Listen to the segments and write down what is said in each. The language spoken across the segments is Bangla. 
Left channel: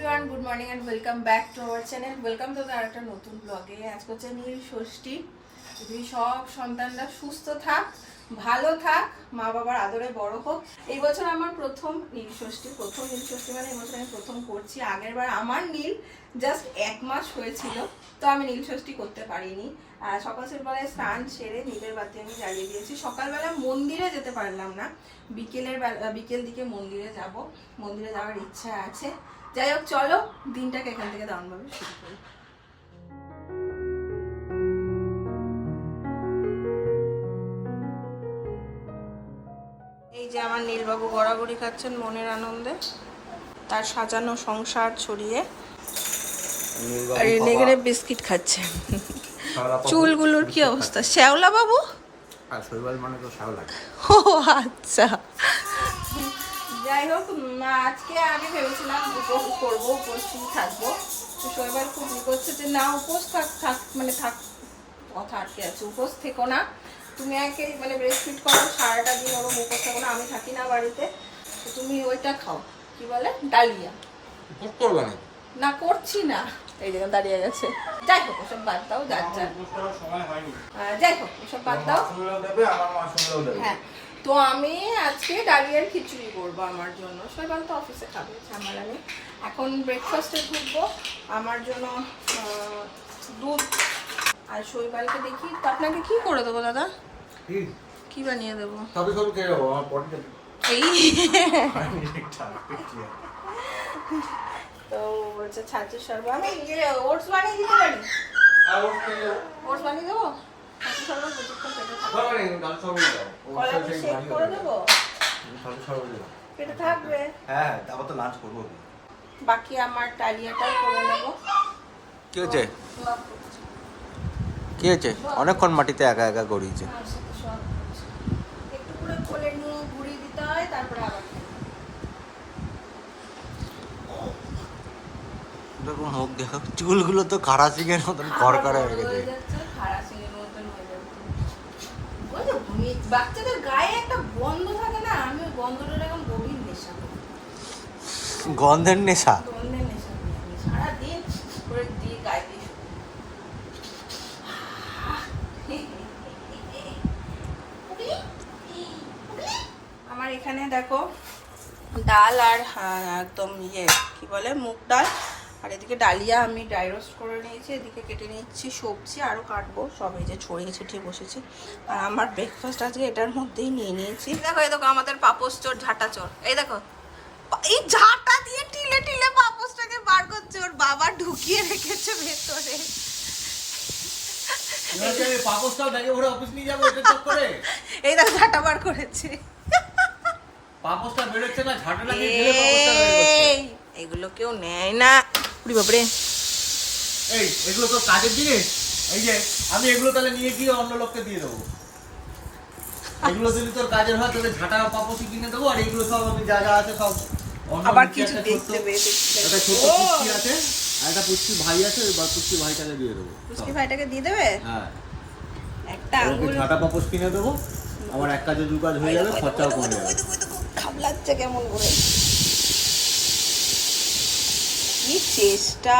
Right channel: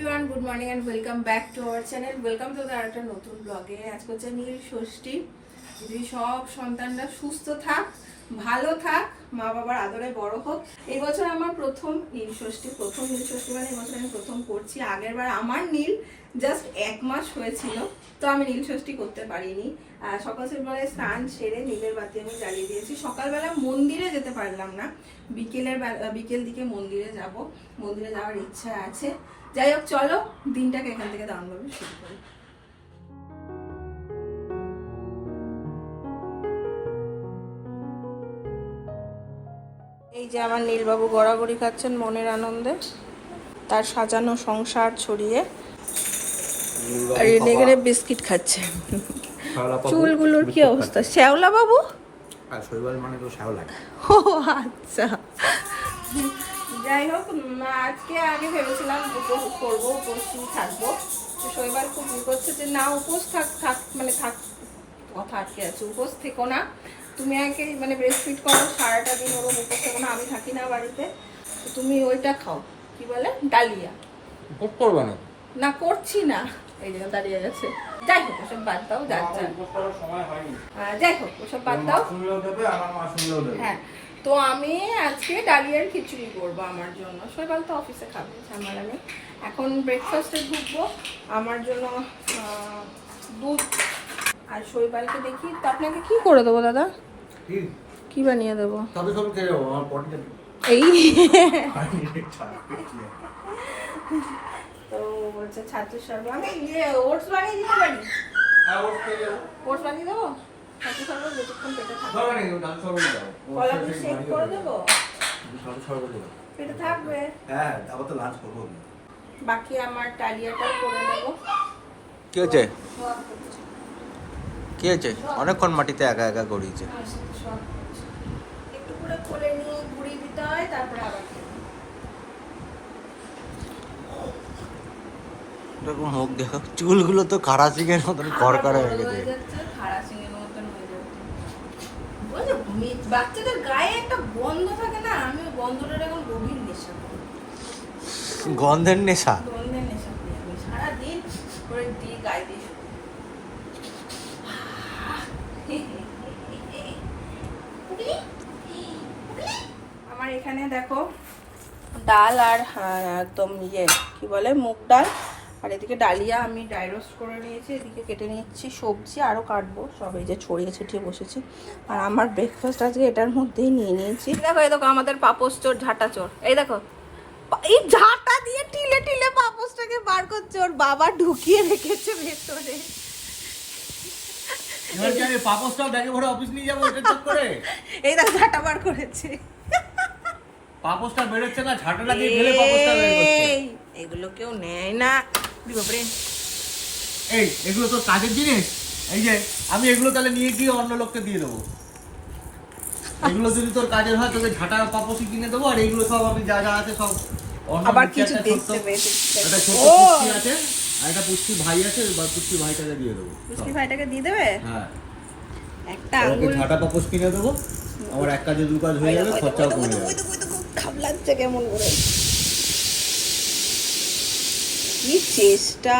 Everyone, good morning and welcome back to our channel. Welcome to আরেকটা নতুন ব্লগে। আজকে হচ্ছে নীল ষষ্ঠী। যদি সব সন্তানরা সুস্থ থাক, ভালো থাক, মা বাবার আদরে বড় হোক। এই বছর আমার প্রথম নীল ষষ্ঠী মানে এই বছর আমি প্রথম করছি। আগের বার আমার নীল জাস্ট 1 মাস হয়েছিল, তো আমি নীল ষষ্ঠী করতে পারিনি। সকাল সকালে স্নান সেরে নীলের বাতি আমি জ্বালিয়ে দিয়েছি। সকালবেলা মন্দিরে যেতে পারলাম না, বিকেল দিকে মন্দিরে যাওয়ার ইচ্ছা আছে। যাই হোক, চলো দিনটাকে এখান থেকে দারুণভাবে শুরু করি। এই যে আমার নীলবাবু গড়াগড়ি খাচ্ছেন মনের আনন্দে, তার সাজানো সংসার ছড়িয়ে, আর এখানে বিস্কিট খাচ্ছেন। চুলগুলোর কি অবস্থা? শ্যাওলা বাবু, আর শৈবাল মানে তো শ্যাওলা। ও আচ্ছা। যাই হোক, আজকে আমি ভেবেছিলাম উপোস করবো, উপস্থিত থাকবো। শৈবাল খুব করছে যে না, উপোস থাক মানে থাক, কথা আটকে আছে, উপোস থেকো না, তুমি আগে মানে ব্রেস্ট ফিড করো, সারাটা দিন ওরকম উপোস থেকো না, আমি থাকি না বাড়িতে, তো তুমি ওইটা খাও, কি বলে ডালিয়া। উপোস করবে না? না, করছি না, এই দিকে দাঁড়িয়ে গেছে। যাই হোক, ওসব বাদ দাও, যাই হোক ওসব বাদ দাও। হ্যাঁ, তো আমি আজকে ডালিয়ার খিচুড়ি করবো আমার জন্য। শৈবাল তো অফিসে খাবে, ঝামেলা নেই। এখন ব্রেকফাস্টে ঢুকবো, আমার জন্য দুধ আর শৈবালকে দেখি। তো আপনাকে কি করে দেবো দাদা? কি বানিয়ে দেবো? এই তো বলছে ছাতুর শরবত, আমি ওটস বানিয়ে দিতে পারি। ওটস বানিয়ে দেবো, ছাতুর শরবত যতক্ষণ পেটে থাকবে। কলা দিয়ে শেক করে দেবো, পেটে থাকবে। হ্যাঁ, তারপর তো লাঞ্চ করবো। বাকি আমার ডালিয়াটাও করে নেবো। কি হয়েছে? কি হয়েছে? অনেকক্ষণ মাটিতে একা একা গড়িয়েছে। একটু করে কোলে নিয়ে ঘুরিয়ে দিতে হয়, তারপরে আবার দেখো মুখ দেখো, চুলগুলো তো খাড়া সিংহের মতন করকরে হয়ে গেছে। বাচ্চাদের গায়ে একটা গন্ধ থাকে না, আমি ওই গন্ধটার এখন গভীর নেশা করি। গন্ধের নেশা? গন্ধের নেশা করি আমি সারাদিন করে দিয়ে গায়ে দিয়ে শুকো। আমার এখানে দেখো ডাল আর একদম কি বলে মুগ ডাল, আর এদিকে ডালিয়া আমি ড্রাই রোস্ট করে নিয়েছি। এদিকে কেটে নিচ্ছি সবজি, আরও কাটবো, সব এই যে ছড়িয়ে ছিটিয়ে বসেছি। আর আমার ব্রেকফাস্ট আজকে এটার মধ্যেই নিয়ে নিয়েছি। দেখো এই দেখো আমাদের পাপোশ চোর, ঝাঁটা চোর, এই দেখো এই ঝাঁটা দিয়ে টিলে টিলে পাপোশটাকে বার করছে, ওর বাবা ঢুকিয়ে রেখেছে ভেতরে। এই দেখো ঝাঁটা বার করেছে। এগুলো কেউ নেয় না, বাপরে। এগুলো তো কাজের জিনিস, এই যে আমি এগুলো তাহলে নিয়ে গিয়ে অন্য লোককে দিয়ে দেবো। এগুলো যদি তোর কাজের হয়, তোকে ঝাঁটা পাপোশি কিনে দেবো, আর এগুলো সব আমি জায়গা আছে সব আবার কিছু দেখতে পেয়েছে। একটা পুষ্টি ভাই আছে, পুষ্টি ভাইটাকে দিয়ে দেবো। পুষ্টি ভাইটাকে দিয়ে দেবে? হ্যাঁ, একটা আঙ্গুল ঝাঁটা পাপোশ কিনে দেবো, আমার এক কাজে দু কাজ হয়ে গেল, খরচা কমে যাবে। খাবলাচ্ছে কেমন করে, কি চেষ্টা!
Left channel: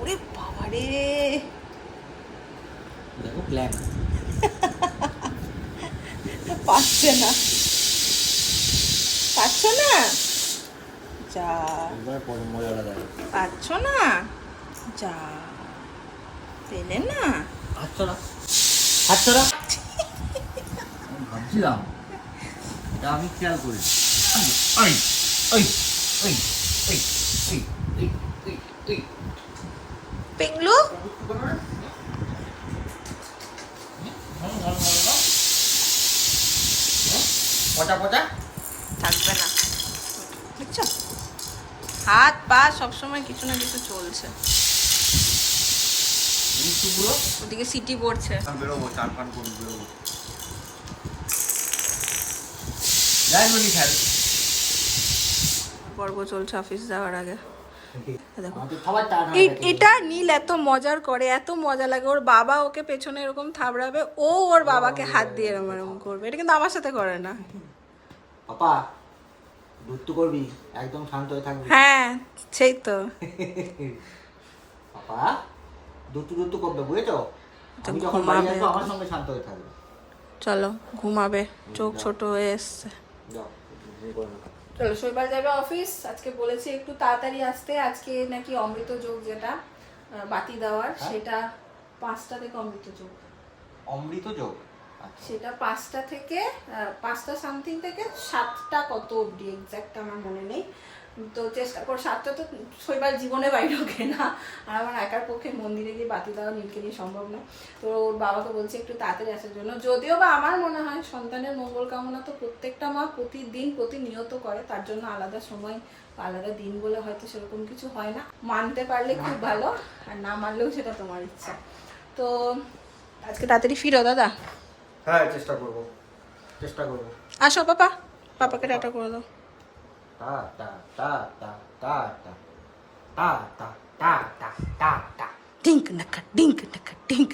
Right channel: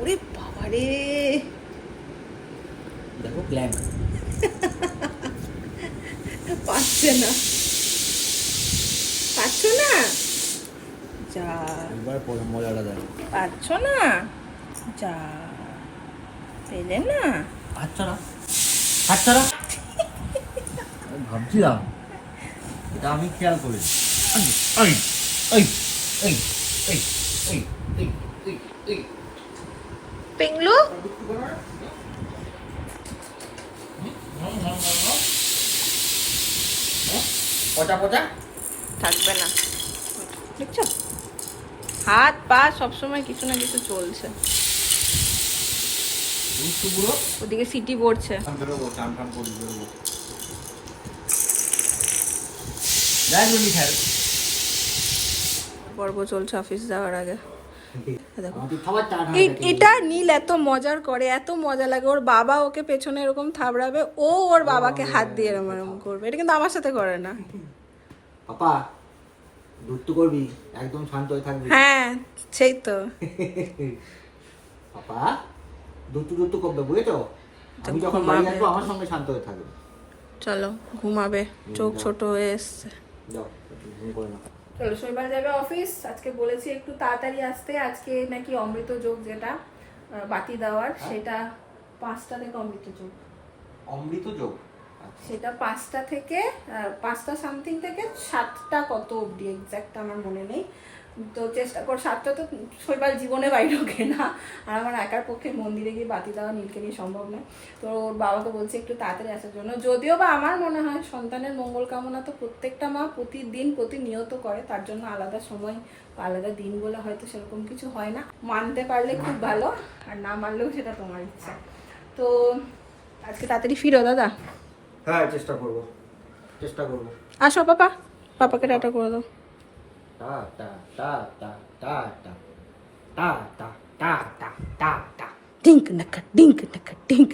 ওরে বাবারে, দেখো প্ল্যান পাচ্ছে না, পাচ্ছ না, যা পাচ্ছ না, যা পেলে না, ভাবছিলাম এটা আমি খেয়াল করি। পিংলু পচা পচা থাকবে না, দেখছো হাত পা সবসময় কিছু না কিছু চলছে। ওদিকে সিটি পড়ছে। বেরোবো, চান ফান করবো, বেরোবো। পর্ব চলছে অফিস যাওয়ার আগে। এটা নীল এত মজার করে, এত মজা লাগে। ওর বাবা ওকে পেছনে এরকম থাবড়াবে, ও ওর বাবাকে হাত দিয়ে এরকম করবে। এটা কিন্তু আমার সাথে করে না। পাপা দুত্তু করবি, একদম শান্ত হয়ে থাকবি। হ্যাঁ সেই তো। পাপা দুত্তু দুত্তু করবে, বুঝেছো? তো আমি যখন বাড়ি ঘুমাবে আসবো আমার এখন। সঙ্গে শান্ত হয়ে থাকবে। চলো ঘুমাবে, চোখ যাও। ছোট হয়ে এসছে। যাও ঘুম করে নাও। চলো শৈবাল যাবে অফিস, আজকে বলেছি একটু তাড়াতাড়ি আসতে। আজকে নাকি অমৃত যোগ যেটা বাতি দেওয়ার, সেটা 5টা থেকে অমৃত যোগ, অমৃত যোগ। সেটা 5টা থেকে 5টা সামথিং থেকে 7টা কত অবধি এক্স্যাক্ট আমার মনে নেই। তো চেষ্টা কর, 7টা তো শৈবাল জীবনে বাইরে ঢোকে না, আর আমার একার পক্ষে মন্দিরে গিয়ে বাতি দেওয়া নীলকে নিয়ে সম্ভব নয়। তো ওর বাবাকে বলছে একটু তাড়াতাড়ি আসার জন্য। যদিও বা আমার মনে হয় সন্তানের মঙ্গল কামনা তো প্রত্যেকটা মা প্রতিদিন প্রতিনিয়ত করে, তার জন্য আলাদা সময় বা আলাদা দিন বলে হয়তো সেরকম কিছু হয় না। মানতে পারলে খুব ভালো, আর না মানলেও সেটা তোমার ইচ্ছা। তো আজকে তাড়াতাড়ি ফিরো দাদা। হ্যাঁ চেষ্টা করবো, চেষ্টা করবো। আসো পাপা, পাপাকে টাটা করে দাও। টা টা টা টা টা টা টা টা টা টা টা টা। ডিঙ্ক নাকা ডিঙ্ক নাকা ডিঙ্ক।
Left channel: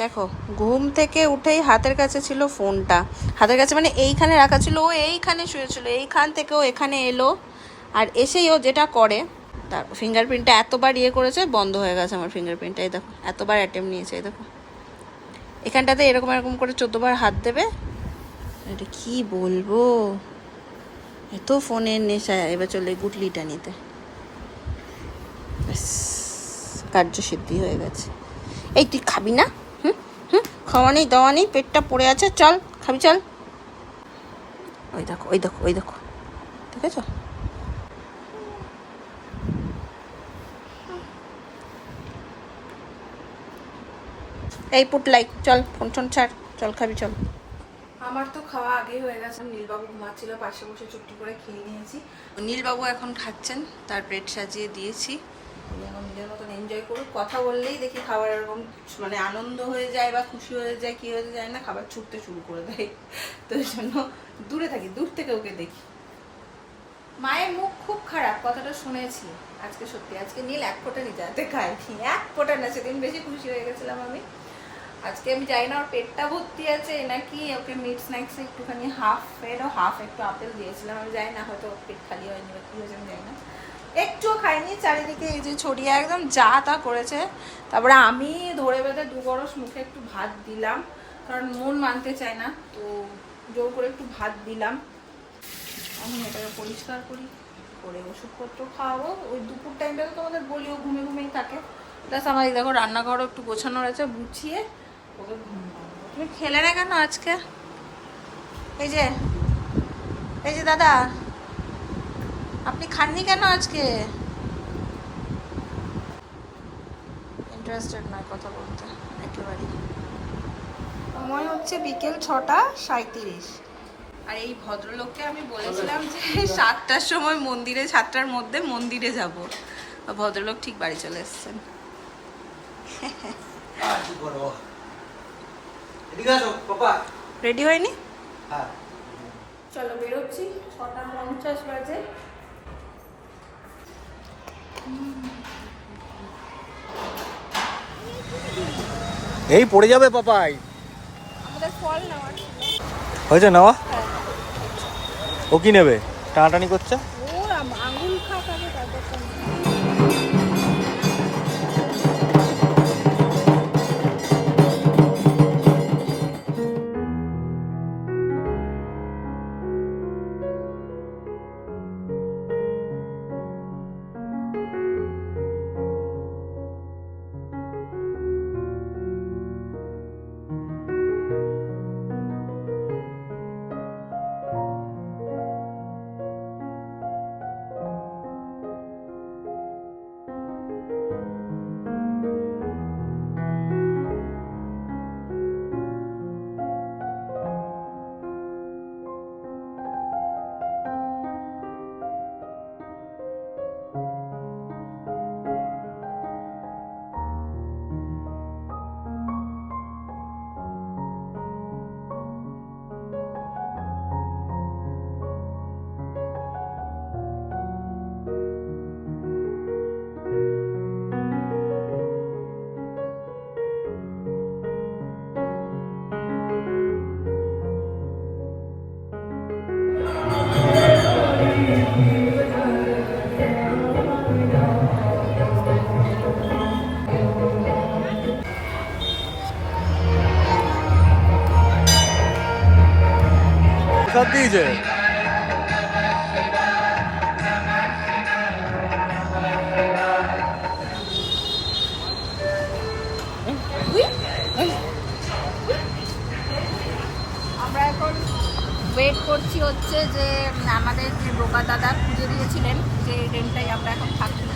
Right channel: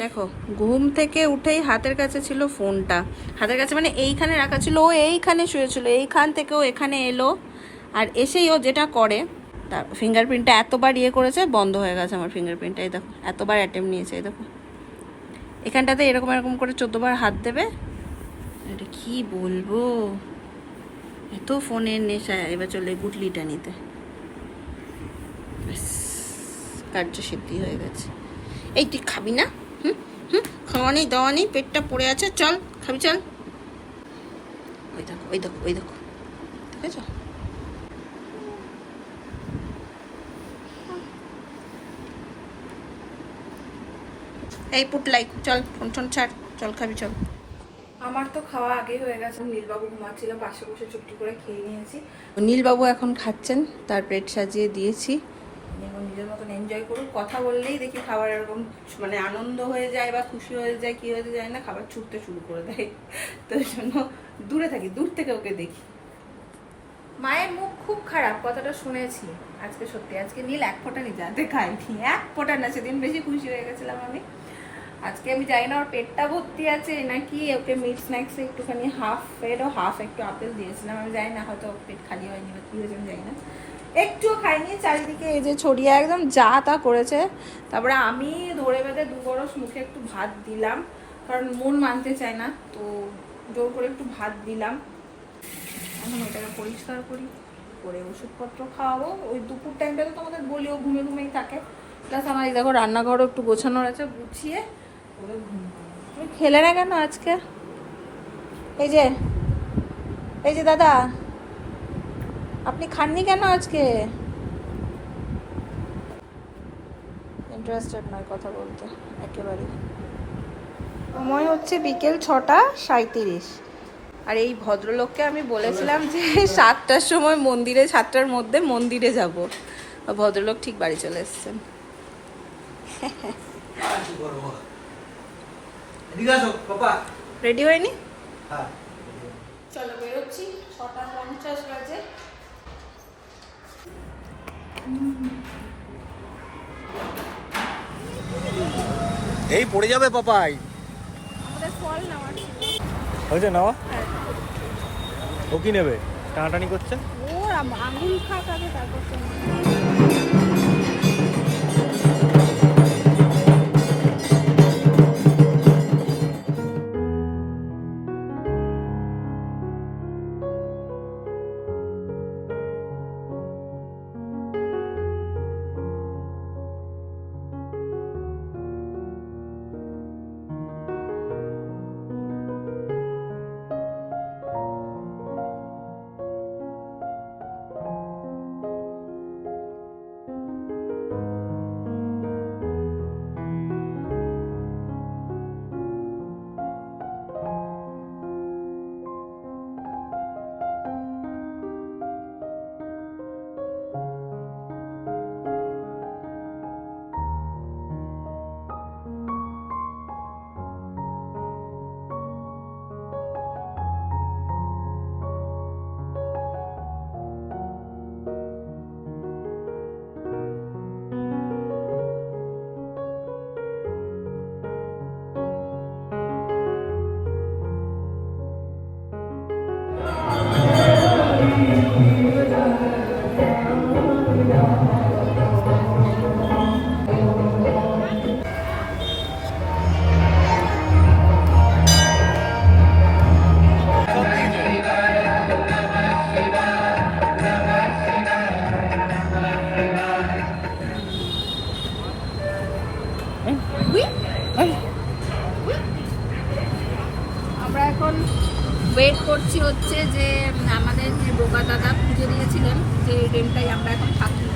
দেখো ঘুম থেকে উঠেই হাতের কাছে ছিল ফোনটা, হাতের কাছে মানে এইখানে রাখা ছিল, ও এইখানে শুয়েছিল, এইখান থেকে ও এখানে এলো, আর এসেই ও যেটা করে, তার ফিঙ্গারপ্রিন্টটা এতবার ইয়ে করেছে, বন্ধ হয়ে গেছে আমার ফিঙ্গারপ্রিন্টটা। এই দেখো এতবার অ্যাটেম্প নিয়েছে, এই দেখো এখানটাতে এরকম এরকম করে 14বার হাত দেবে। এটা কি বলবো, এত ফোনের নেশা। এবার চলে গুটলিটা নিতে, ব্যাস কার্যসিদ্ধি হয়ে গেছে। এই তুই খাবি না? হুম হুম, খাওয়া নেই দাওয়া নেই, পেটটা পড়ে আছে, চল খাবি চল। ওই দেখো ওই দেখো ওই দেখো, ঠিক আছে? এই পুটলাই চল, ফোন টোন ছাড়, চল খাবি চল। আমার তো খাওয়া আগেই হয়ে গেছে, নীলবাবু ঘুমাচ্ছিল, পাশে বসে চুপটি করে খেয়ে নিয়েছি। নীলবাবু এখন খাচ্ছেন, তার প্লেট সাজিয়ে দিয়েছি, উনি এখন নিজের মতন এনজয় করুক। কথা বললেই দেখি খাবার এরকম মানে আনন্দ হয়ে যায় বা খুশি হয়ে যায়, কি হয়ে যায় না, খাবার ছুটতে শুরু করে দেয়। তো এই জন্য দূরে থাকি, দূর থেকে ওকে দেখি। মায়ের মুখ খুব খারাপ, কথাটা শুনেছি আজকে। সত্যি আজকে নীল এক ফোঁটা নিজে হাতে খায়নি, এক ফোঁটা না। সেদিন বেশি খুশি হয়ে গেছিলাম আমি। আজকে আমি জানি না ওর পেটটা ভর্তি আছে নাকি, ওকে মিট স্ন্যাক্সে একটুখানি হাফ ফেড ও হাফ একটু আপেল দিয়েছিলাম, আমি জানি না, হয়তো ওর পেট খালি হয়নি বা কী হয়েছে আমি জানি না। একটুও খাইনি, চারিদিকে এই যে ছড়িয়ে একদম যা তা করেছে। তারপরে আমি ধরে বেঁধে 2 বরস মুখে একটু ভাত দিলাম, কারণ মন মানতে চায় না, তো জোর করে একটু ভাত দিলাম। এখন এটাকে পরিষ্কার করি, করে ওষুধপত্র খাওয়াবো। ওই দুপুর টাইমটা তো তোমাদের বলি ও ঘুমে ঘুমেই থাকে। প্লাস আমার এই দেখো রান্নাঘরও একটু গোছানোর আছে, গুছিয়ে ওকে ঘুম পাড়াবো। তুমি খেলে না কেন আজকে? এই যে এই যে দাদা, আপনি খাননি কেন আজকে? ইন্টারেস্টেড নয় কথা বলতে একেবারেই। সময় হচ্ছে বিকেল 6:37, আর এই ভদ্রলোককে আমি বলেছিলাম যে 7টার সময় মন্দিরে, 7টার মধ্যে মন্দিরে যাব। ভদ্রলোক ঠিক বাড়ি চলে এসেছেন। আর কি করবো? এদিকে আসো পাপা। রেডি হয়নি? হ্যাঁ চলো বেরোচ্ছি, 6:50 বাজে। এই পড়ে যাবে পাপাই। আমাদের ফল নেওয়া ছিল। হয়েছে নেওয়া? ও কি নেবে? টানাটানি করছে। ও আঙুল খাক আগে, তারপর তো করছি হচ্ছে যে আমাদের যে বোকা দাদা পুজো দিয়েছিলেন যে রেন্টটাই আমরা এখন থাকি,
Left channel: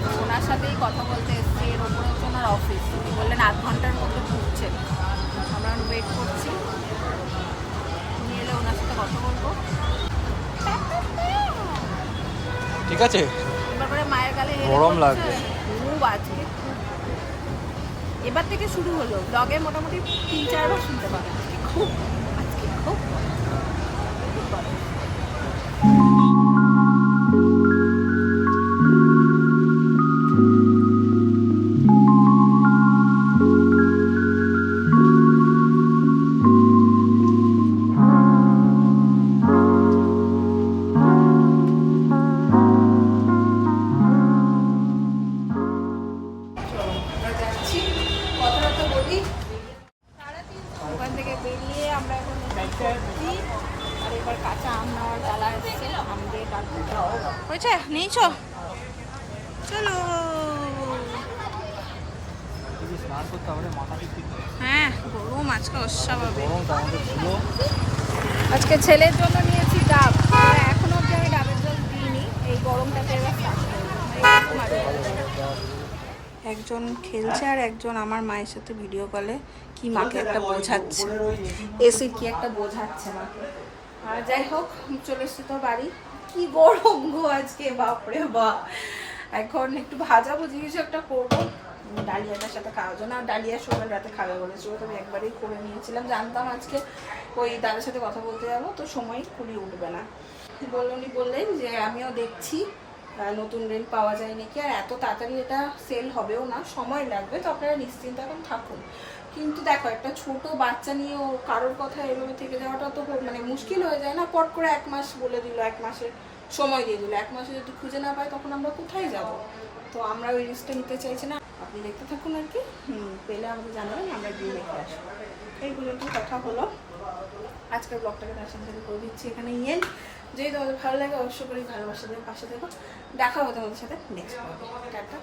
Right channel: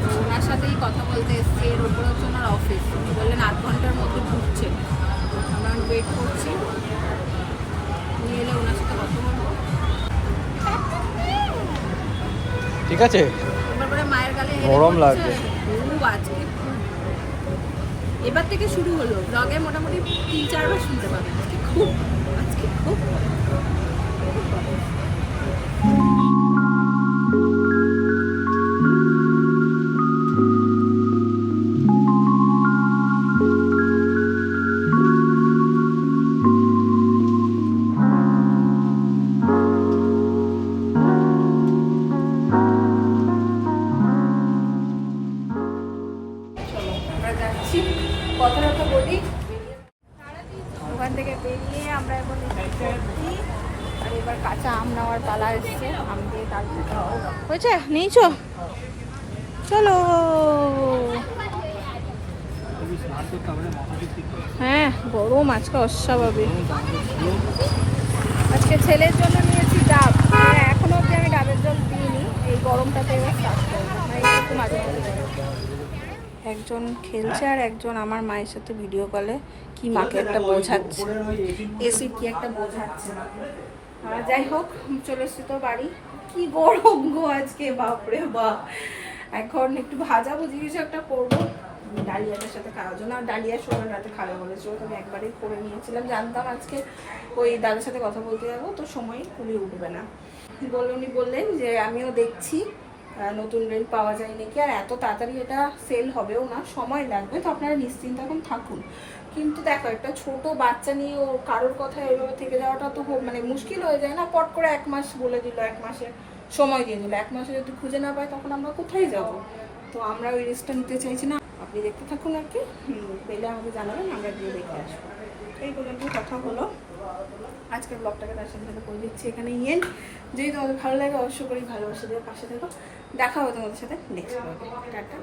তো ওনার সাথেই কথা বলতে এসেছি। এর ওপরে হচ্ছে ওনার অফিস, উনি বললেন 8 ঘন্টার মধ্যে ঢুকছেন। আমরা ওয়েট করছি, উনি এলে ওনার সাথে কথা বলবো। ঠিক আছে। এবার করে মায়ের গালে গরম লাগছে খুব আজকে, এবার থেকে শুরু হলো ব্লগে মোটামুটি 3-4 বার শুনতে পাবেন খুব আজকে খুব খুব গরম। কথাটা তো বলি, ওখান থেকে বেরিয়ে আমরা এখন করছি। আর এবার কাঁচা আম নেওয়ার পালা এসছে, আম দিয়ে ডাল হয়েছে নিয়েছো, চলো। হ্যাঁ গরম আজকে অস্বাভাবিক। আজকে ছেলের জন্য নিয়েছি ডাব, এখনো অব্দি আমি ডাবের জল দিইনি, এই গরমটাতে এবার স্টার্ট করবো, মানে একটু মাঝে মাঝে। একজন খেলছে আর একজন আমার মায়ের সাথে ভিডিও কলে কি মাকে একটা বোঝাচ্ছে, এসির কি একটা বোঝাচ্ছে মাকে। আর যাই হোক চলে এসছি তো বাড়ি। কি গরম গো আজকে, বাপরে বাপ। এখন একটু ভাজা ভুজি কিছু একটা করবো ডালিয়াটার সাথে খাওয়ার জন্য। আর ডালিয়া সময় রাতে খাবে বলেছিল, তো আমি একবারেই করে নিয়েছিলাম, জানতাম আজকে ওই দাদার সাথে কথা বলতে যাবো, তো সময় খুবই উঠবে না। উনি বললেন যে আমিও দেখছি নতুন রেল পাওয়া যায় নাকি, আর এত তাড়াতাড়ি এটা সেল হবেও না, সময় লাগবে, তো আপনারা নিশ্চিন্ত এখন থাকুন। কিন্তু দেখো একটা ছোট বাচ্চা নিয়ে ও কারোর কথা এইভাবে থেকে যাওয়াটা তো মানে মুশকিল হয়ে যায় না। পট করে 1 মাস বলে দিল, 1 মাসের সময় দিয়ে দিল, 1 মাসে যদি খুঁজে না পাই তখন আমরা কোথায় যাব? তো আমরা ওই রিস্কটা নিতে চাইছি না। আপনি দেখতে থাকুন আর কি, পেলে আমাদের জানাবেন, আমরা গিয়ে দেখে আসবো। এইগুলো একটু কথা হলো। আজকের ব্লগটাকে তার সাথে করে দিচ্ছি এখানে এন্ড। যদি তোমাদের ভালো লাগে অবশ্যই করে ভালোবাসা দিয়ে পাশে থেকো। দেখা হবে তোমাদের সাথে নেক্সট ব্লগে। টাটা।